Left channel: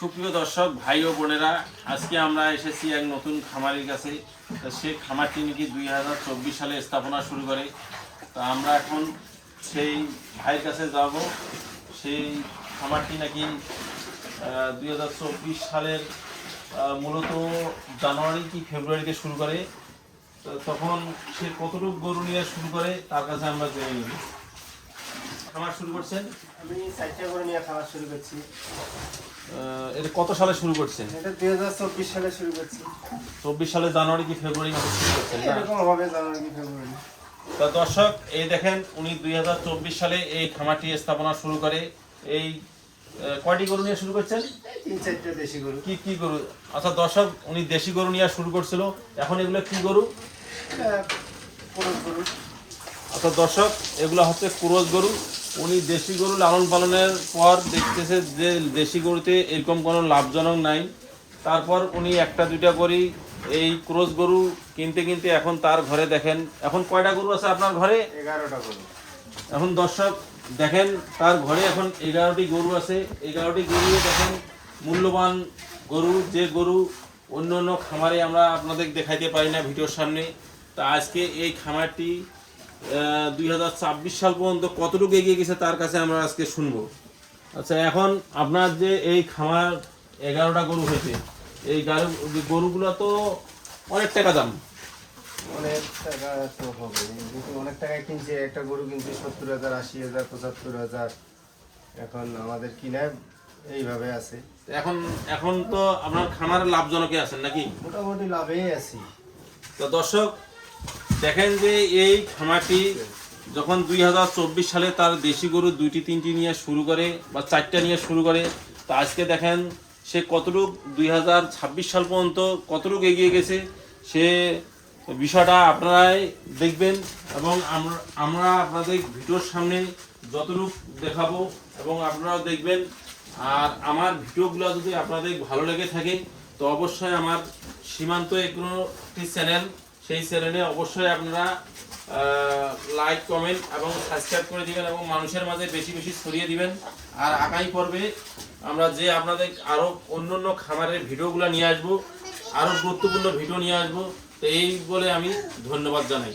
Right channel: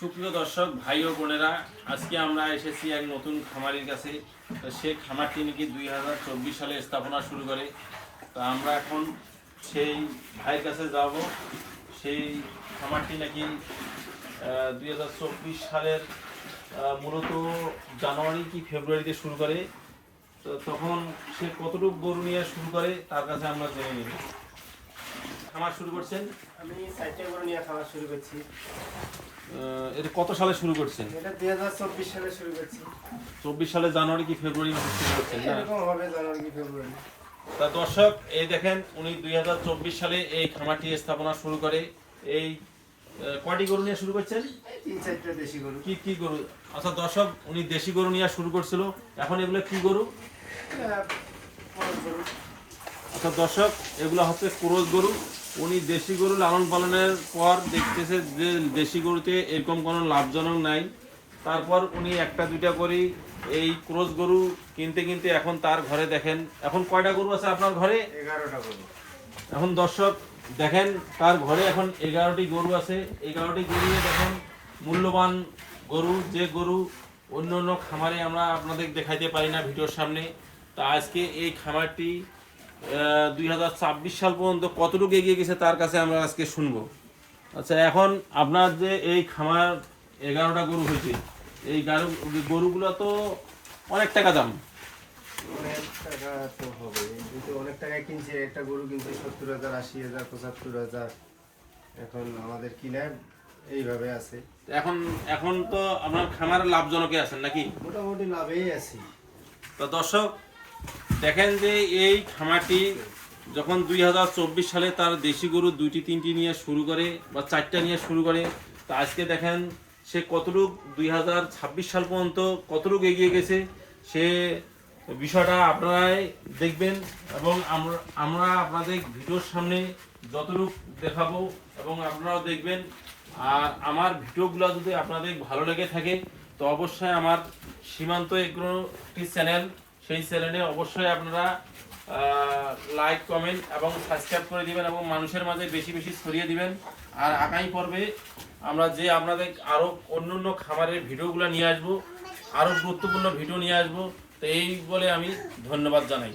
সুপ্রিয় দর্শক ভাই ও বোনেরা, আজকে আমরা এসেছি এক নতুন খামারের কাছে। সে খামারটি নাকি 2024 সালে স্থাপনা শুরু করে। তা আমরা এখন সেই ভাইয়ের কাছে যাব। সেই খামারটি নাকি 2024 সালের মূলত জানুয়ারি কি ফেব্রুয়ারিতে শুরু করে। তো তখন সে কতটুকু গরু নিয়ে শুরু করে তার কাছে আমরা জেনে নেব। খামার শুরু করছেন? আমি 60টা গরু নিয়ে খামার শুরু করছি। এটা কত সালে শুরু করছেন? এটা 2024 সালে শুরু করছি। 24 সালে জানুয়ারি কি ফেব্রুয়ারি মাসে শুরু করছেন না? এরকম হবে জানুয়ারি কি ফেব্রুয়ারি। তা দর্শক, এই দেখেন উনি 2024 সালে এই খামারটি স্থাপনা শুরু করে। এই কয়টি গরু নিয়ে শুরু করছেন? 3-4টা দেশি গরু। কি কি গরু? আচ্ছা দর্শক, উনি দেশি গরু নিয়ে শুরু করছিল। এখন এগুলো কি গরু? ক্রস গরু। আচ্ছা দর্শক, এগুলো হচ্ছে ক্রস গরু। উনি দেশি গরু লালন পালনের পর দেখতেছে যে দেশি গরুতে এরকম কোনো লাভজনক নাই। তারপর উনি একটা দুইটা করে এই ক্রস গরু কিনতে কিনতে এখন তার ঘরে দেখেন এখন কয়টা গরু আছে আপনার ঘরে? 11টা গরু। এখন দর্শক দেখেন তার ঘরে এখন 11টি গরু আছে। 11টি গরু দেখেন মূল্যবান গরু, যে গরু অন্য অন্য খামারে আমরা আপনাদের দেখাইতে পারি না ভিডিওর সামনে। তা আজকে এই খামারটি 2024 সাল পর্যন্ত কতটুকু এগিয়ে গেছে তার কাছে আমরা আজকে শুনবো। আচ্ছা, এখন আপনার যে এই খামার 11টা গরু হয়েছে, এই গরুগুলো তো অনেক টাকা দাম। অনেক টাকা তো হবে, কিন্তু অনেক টাকায় কিনছে। একটা গরু কিনছে 70,000, 80,000, 75,000। এখন আমাদের কিনায় এইভাবে আছে। এখন এখন তো আপনার খামার লাভজনকে আছেন নাকি? মোটামুটি লাভেই আছি। তো দর্শক দেখেন যে এই খামারটি যখন 2024 সালে তার দেশি গরু 2টি 3টি নিয়ে শুরু করে বা 4টা নিয়ে শুরু করে, তো আজকে দেখেন সে কতটুক 2026 সাল পর্যন্ত কতটুক এগিয়ে গেছে সে বিষয়টা আপনারাই দেখবেন এবং আমরা আপনাদের ভিডিওর সামনে যতটুক দেখাবো এবং আপনারাও দেখবেন। আর আমার ভিডিওগুলো যদি আপনাদের ভালো লেগে থাকে তো অবশ্যই আমার সীমান্ত এগ্রোটি চ্যানেল, সেই চ্যানেলে অবশ্যই আপনারা লাইক, কমেন্ট এবং সাবস্ক্রাইব করে দিবেন এবং মানুষের মাঝে বেশি বেশি ছড়িয়ে দিবেন। আর আগামী পর্বে আমরা যে আপনাদের আরও অন্য অন্য খামারের ভিডিওগুলো নিয়ে আসবো, আরও গুরুত্বপূর্ণ ভিডিও নিয়ে আসবো। তো এই বলে আমি ধন্যবাদ জানাই।